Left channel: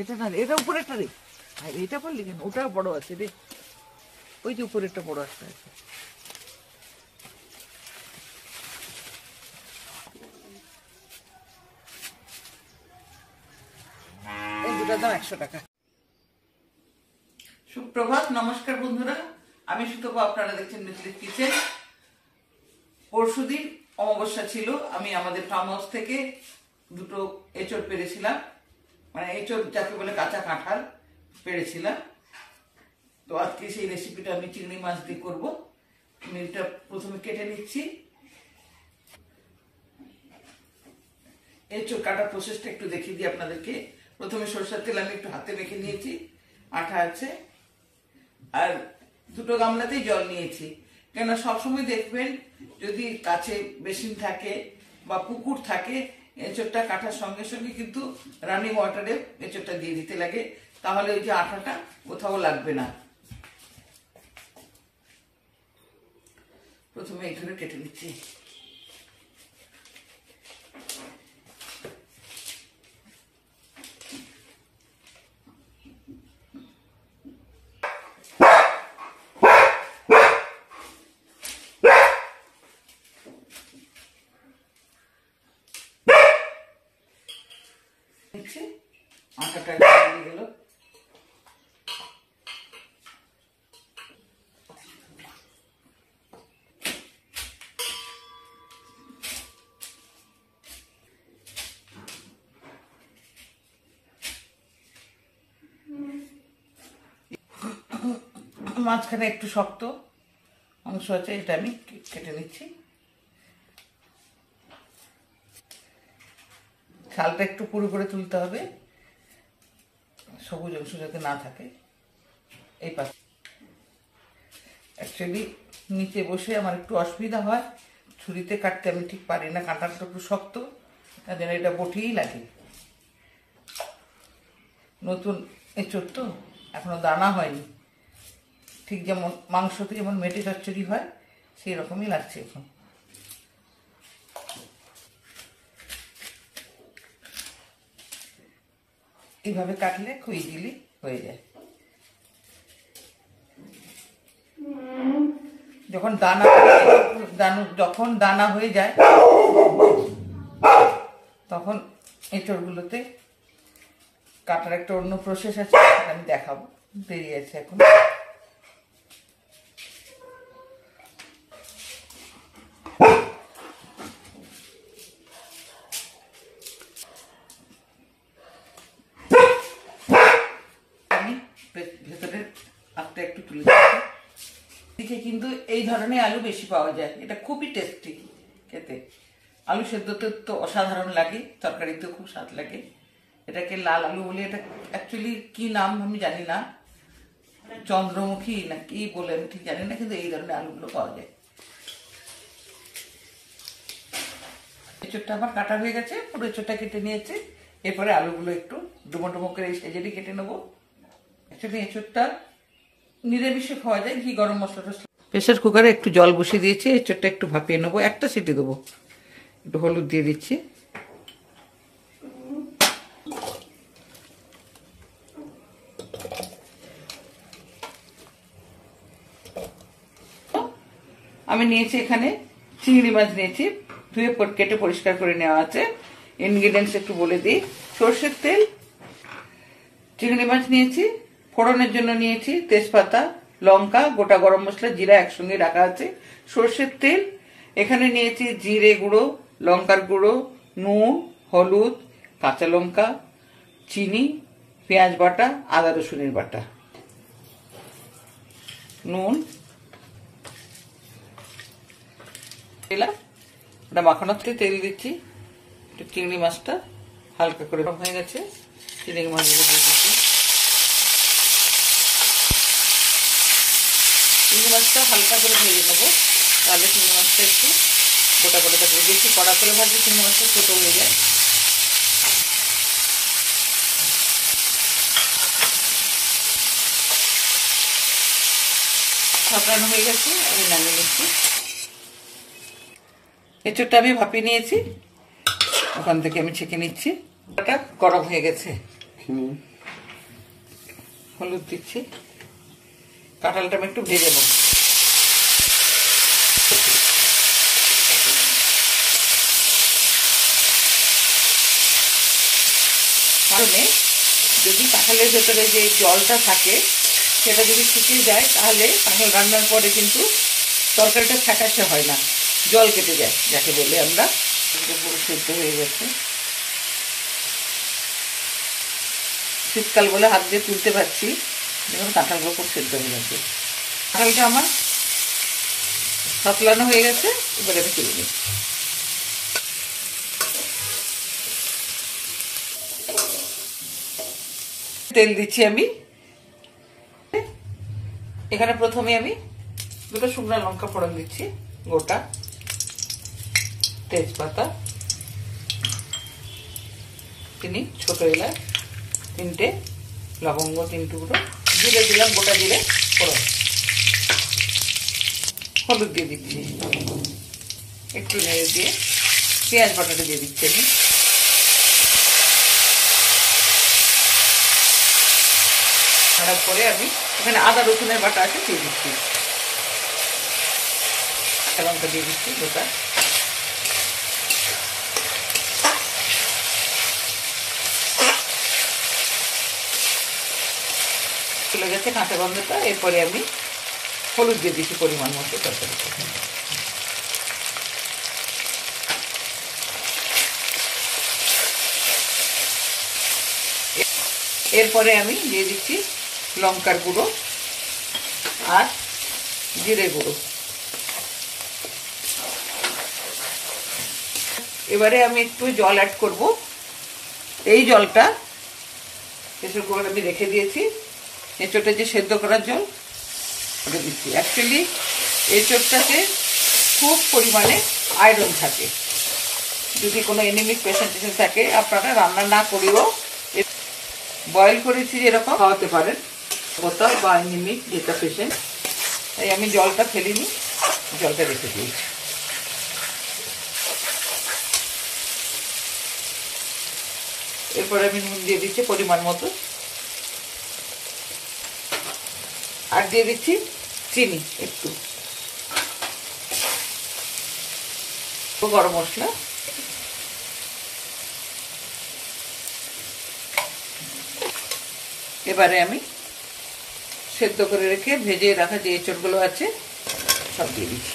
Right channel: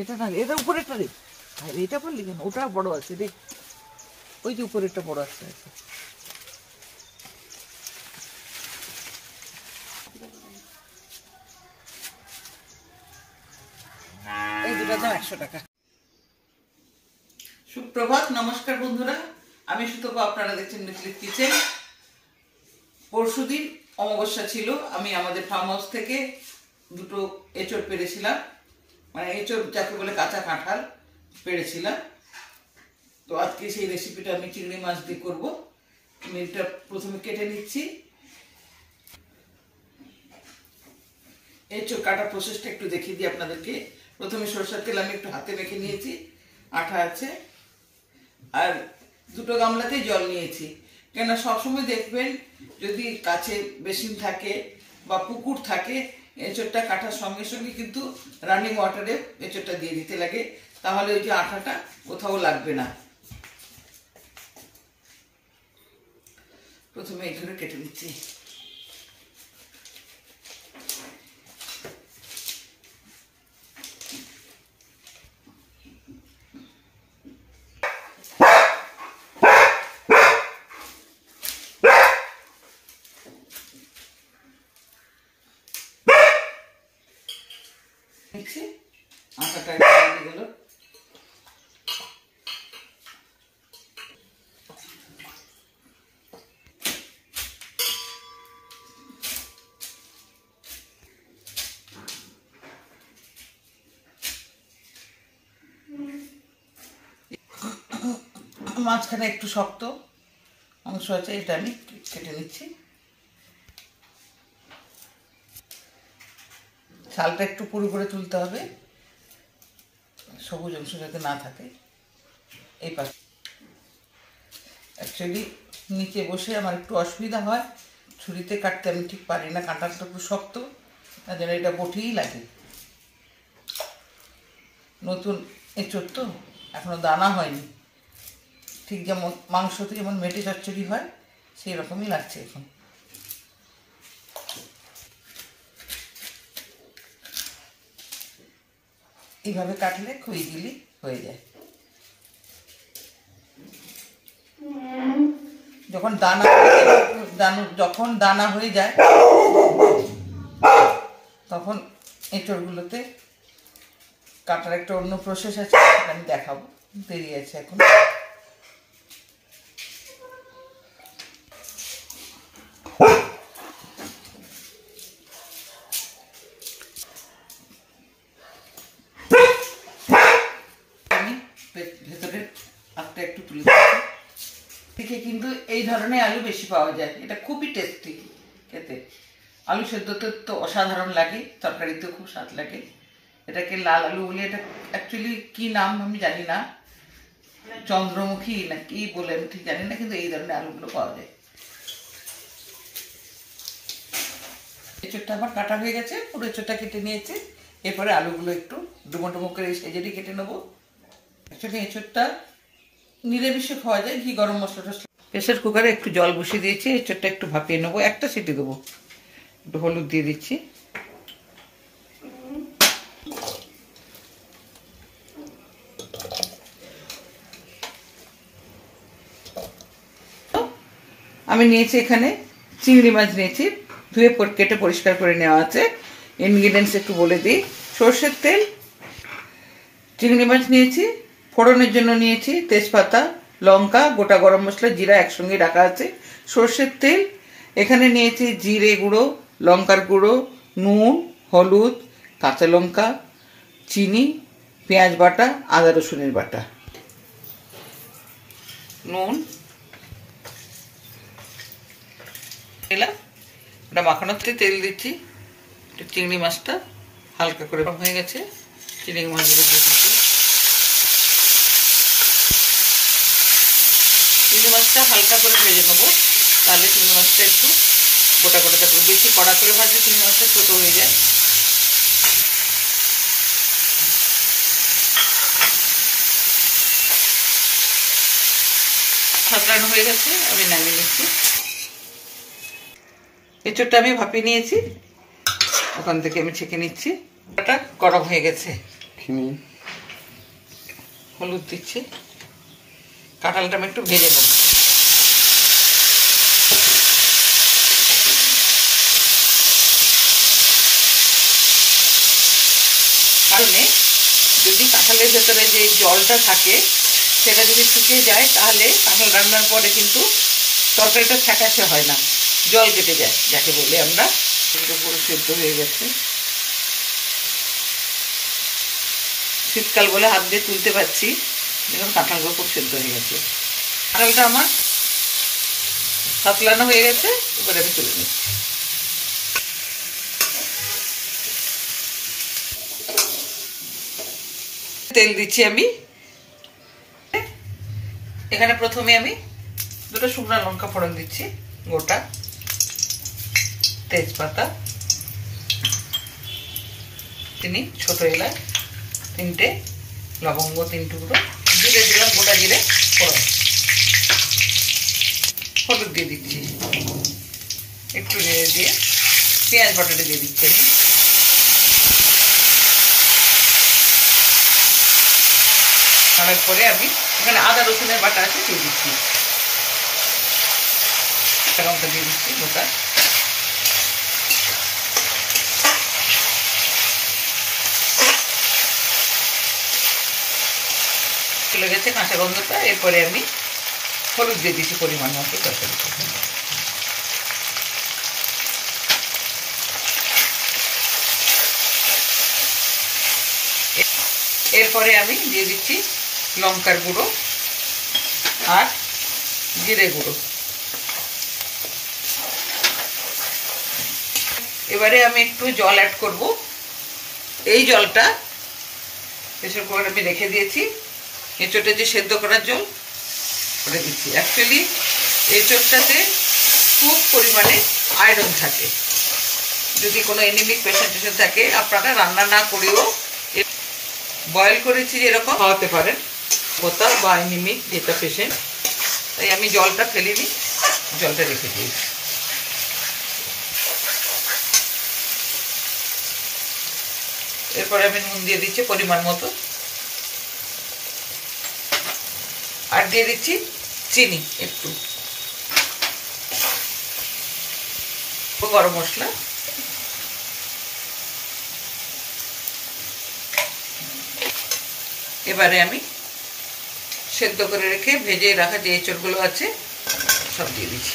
এটা না, এটা উপরেরটা রে, এটা করলি কেন? ওটা বড় আছে রে, ওই যে উপরেরটা বড় আছে। এই দুটার দাম 100 টাকা। সুপ্রভাত, নমস্কার বন্ধুরা, আমি সুতপা, আপনারা দেখছেন মিথিলিস কিচেন। পরশুদিন অমাবস্যা ছিল, আমি আমাদের ফার্ম হাউস থেকে দুটো এঁচড় পেড়েছিলাম, মানে এঁচড় যাকে বলে কাঁচা কাঁঠাল পেড়েছিলাম। তো আজকে সেই রেসিপিটা আমি চিংড়ি মাছ দিয়ে করবো। আমি এটা প্রথমে কেটে নিচ্ছি। এঁচড় কাটার প্রসেসটা একটু দেখিয়ে দিই আপনাদেরকে। প্রথমে সরষের তেল আমি একটু হাতে মেখে নিয়েছি, আঠা আছে, আর দুটো গামলাতেই জল নিয়েছি। কেন সবসময় দেখবেন যদি কাছে বেসিন থাকে বা পুকুর থাকে, এঁচড়টা কাটার সঙ্গে সঙ্গে কিন্তু রানিং ওয়াটারে এঁচড়টা দিয়ে দিতে লাগে, তাহলে ওই যে আঠাটা কোথাও লাগবে না। প্রথমে এখানে কেটে নিচ্ছি। আটাটা গেল, মাঝখানে একটু শক্ত অংশ আছে, এটা আমি কেটে নিচ্ছি। ছালটা একটু পুরো করে তুলতে হবে, সবুজ অংশ যাতে না থাকে। এই পাশে অ্যাকচুয়ালি নিচে বসে আমার একটু অসুবিধা হয়, ছুরিতে কাটতে আমি ঠিক পারি না, কাঁটাটা একটু শক্ত, তার জন্য এটা বটিই লাগে। নতুন এঁচড় তো, এখনো দানা হয়নি, ঠিক যেমন মাংসতে যেমন মেটে চচ্চড়ি হয় সেই রকমই লাগছে এখন। এইভাবে কাটলে খুব ইজিলি হয়ে যায়। যখন দানা হয়ে যায় তখন এঁচড়গুলোতে কাটার একটা অন্য প্রসেস আছে, আমি দেখাবো, দেরি আছে এখন। আমি ভেতরের আটটা একটু তুলে দিচ্ছি। দিকে কিন্তু এই ধরনের আলু বেশি পাওয়া যায়, এটা খুবই টেস্টি খেতে। আলু সেদ্ধতে তো অসাধারণ লাগে, তরকারিতেও খুব স্বাদ লাগে। এটাকে লাল আলু বলে, এটা অ্যাকচুয়ালি কি নাম আমি জানি না, চন্দ্রমুখী না কি বলে আমি ঠিক জানি না, কিন্তু এই ধরনের আলুগুলো পাওয়া যায়। এঁচড়টা আমার কাটা হয়ে গেছে, পুরো এঁচড়টা কেটে নিয়েছে। এরপরে আলুগুলো একটু ডুমো ডুমো করে এই সেজেরই কেটে নেবো। অ্যাকচুয়ালি এঁচড়টা নিরামিষে খাওয়া যায়, ঘি গরম মশলা। প্রেসার কুকারে একটু জল বসিয়ে দিয়েছি, এঁচড়টা একটু ভাপিয়ে নেবো, একটা সিটি দেবো। একটু হলুদ দিয়ে দিচ্ছি, আমি নিয়েছি এখানে চিংড়ি মাছ নিয়েছি, ধুয়ে কেটে পরিষ্কার করে নেওয়া আছে। ইনগ্রিডিয়েন্টস একটু বলে দিই। সর্ষের তেল, চিংড়ি মাছ নিয়েছি, ফোড়নের জন্য নিয়েছি তেজপাতা, লঙ্কা, গোটা গরম মশলা, জিরা একসঙ্গে রাখা আছে। সর্ষের তেল, এখানে নিয়েছি জিরে গুঁড়ো, লঙ্কার গুঁড়ো, নুন, হলুদ, কাঁচা লঙ্কা, চিনি, পেঁয়াজ বাটা, আদা রসুনের বাটা, নুন, ওটা মাখানোর থেকে তেল দিচ্ছি। চিংড়ি মাছটা হালকা করে হয়ে গেছে, চিংড়ি মাছগুলো দিয়ে দিচ্ছি। চিংড়ি মাছটা হালকা করে ভেজে নেবো, তাহলে চিংড়ি মাছটা একটু গোটা গোটা থাকবে। বেশি কড়া করে ভাজলে চিংড়ি মাছটা ছোটো হয়ে যায়। সাঁতরানো হয়ে গেছে, আমি নামিয়ে নিচ্ছি। এঁচড়টা আমি ভাপিয়ে নিয়েছি, ওখান থেকে আমি ছেঁকে নিচ্ছি। ওটা গরম হয়ে গেছে, হলুদ দিচ্ছি। কাঁঠালটা আমি একটু ভেজে নেব। কারণে যদি কাঁঠালের ভেতরে যে জলটা থাকে সেটা যদি শুকিয়ে যায় তাহলে কাঁঠাল রান্নার পরে কিন্তু তরকারিটা ফ্যাকাশে হয় না, জল কেটে যায় যাকে বলে আমরা। পুরো সেদ্ধ হয়ে গেছে। শীতকাল বলে হাত দিয়ে তুলতে পারছি, যেমন কাঁঠালগুলো খুব সেদ্ধ হয়ে গেছে। কাঁঠালটা আমার সাতলানো হয়ে গেছে, এবার আমি তুলে নিই। তেল দিচ্ছি আমি। এখানে প্রথমে আমি দুটো শুকনো লঙ্কা ফোড়ন দিচ্ছি, গোটা তেজপাতা, চিনি, ছোট এলাচ 3টে, লবঙ্গ 3 টুকরো, জিরে দিলাম, গোটা জিরে ফোড়ন, হলুদ দিয়ে দিচ্ছি, একটু নেড়ে দিয়ে পেঁয়াজ বাটাটা দিয়ে দিচ্ছি আমি। তারপরে আমি এখানে আদা রসুনের বাটা আছে দিয়ে দিচ্ছি, লঙ্কা দিয়ে দিচ্ছি গোটা। চলে গেছে কাঁচা গন্ধটা। এরপরে আমি হলুদ দিয়ে দিচ্ছি পরিমাণ মতো তরকারিতে। এরপরে আমি দিয়ে দিচ্ছি লঙ্কার গুঁড়ো আর জিরে গুঁড়ো। এবারে আমি একটু জল অ্যাড করব। এই জলটা প্রেসার কুকারে আমি রেখে দিয়েছি, এঁচোড়টা যে সেদ্ধ করার জল ওটা দিচ্ছি। অ্যাকচুয়ালি এঁচোড়টাতে খুব পরিমাণে আয়রন থাকে। যদি কোনো এনিমিক পেশেন্ট থাকে আপনারা রান্না না করেও বয়েল করেছি যেরকম খাওয়াতে পারেন, গোতা বা এনিমিক যেটা পেশেন্ট। তাই আমি জলটা ফেলিনি, জলটা রেখে দিয়েছি। এরপরে আমি নুন দিয়ে দিচ্ছি পরিমাণ মতো, আর দিয়ে দিচ্ছি চিনি একটু, গরম মশলা। এবারে আমি সেদ্ধ করে রেখে ভেজে রাখা যে এঁচড়গুলো আছে সব দিয়ে দিচ্ছি।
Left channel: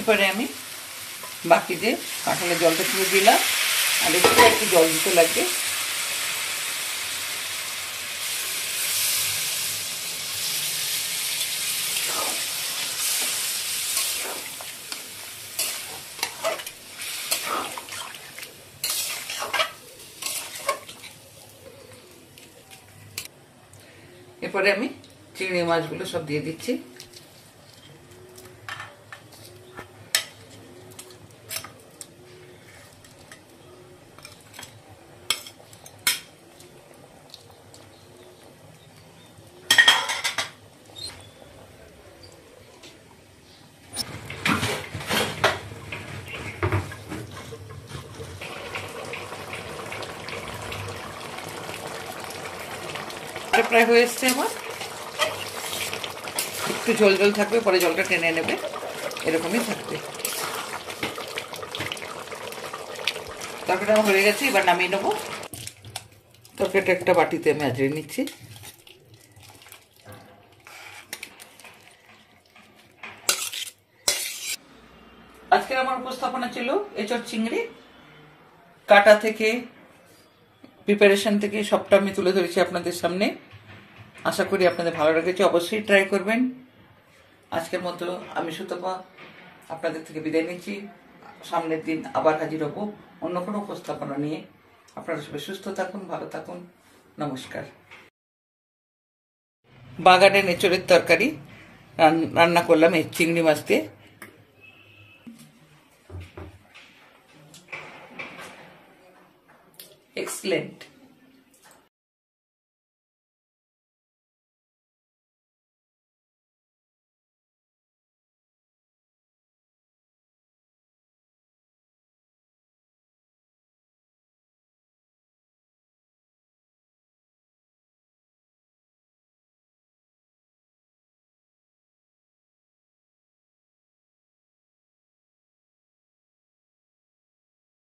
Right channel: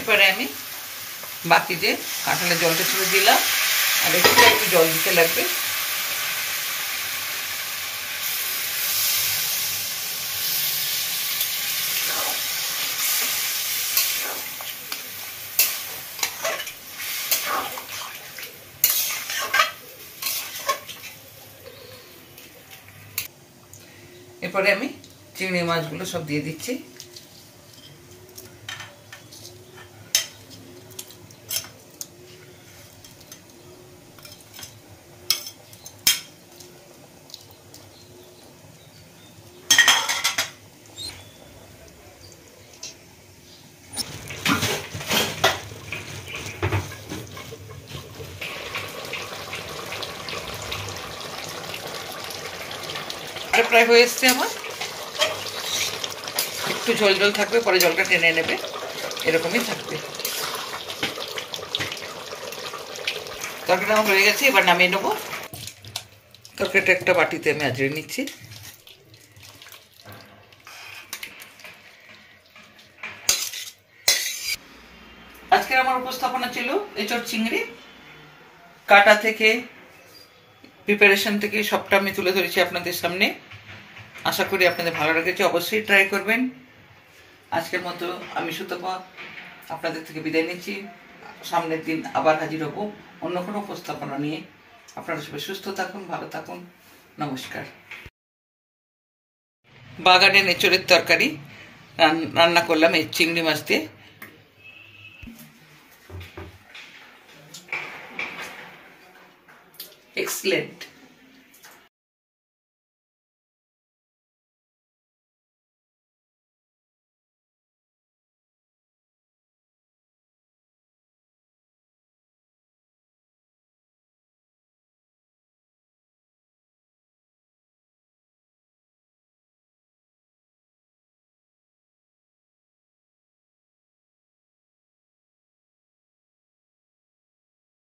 এবারে আমি বাকি যে কাঁঠালের জলটা ছিল দিলাম, আর একটু জল দিতে লাগবে। এরপরে আমি চিংড়ি মাছগুলো সব দিয়ে দিচ্ছি। প্রায় হয়ে এসছে আমার, একটু ঝোল ঝোল থাকবে, পরে জলটা টেনে নেবে, এরকমই থাকবে। তরকারিটা আমার হয়ে গেছে, এবার নামিয়ে নেবো। তরকারিটা একটা বাটিতে আমি আজড়ে নিচ্ছি। আজকের আমার উপস্থাপনা ছিল এঁচড় চিংড়ি। কাটা থেকে প্রিপারেশন থেকে সবটা আমি তুলে ধরেছি আপনাদের সামনে। আশা করি আপনাদের ভালো লেগেছে, অবশ্যই ট্রাই করবেন। আজকের মতো আমি সুতপা আপনাদের থেকে বিদায় নিচ্ছি। সামনের দিন আবার হাজির হব অন্য কোনো উপস্থাপনা নিয়ে। আপনারা সবাই সুস্থ থাকুন, ভালো থাকুন, নমস্কার। বাগানের এঁচড়ের তরকারি রান্না করলাম এই চিংড়ি মাছ দিয়ে। এক্সেলেন্ট।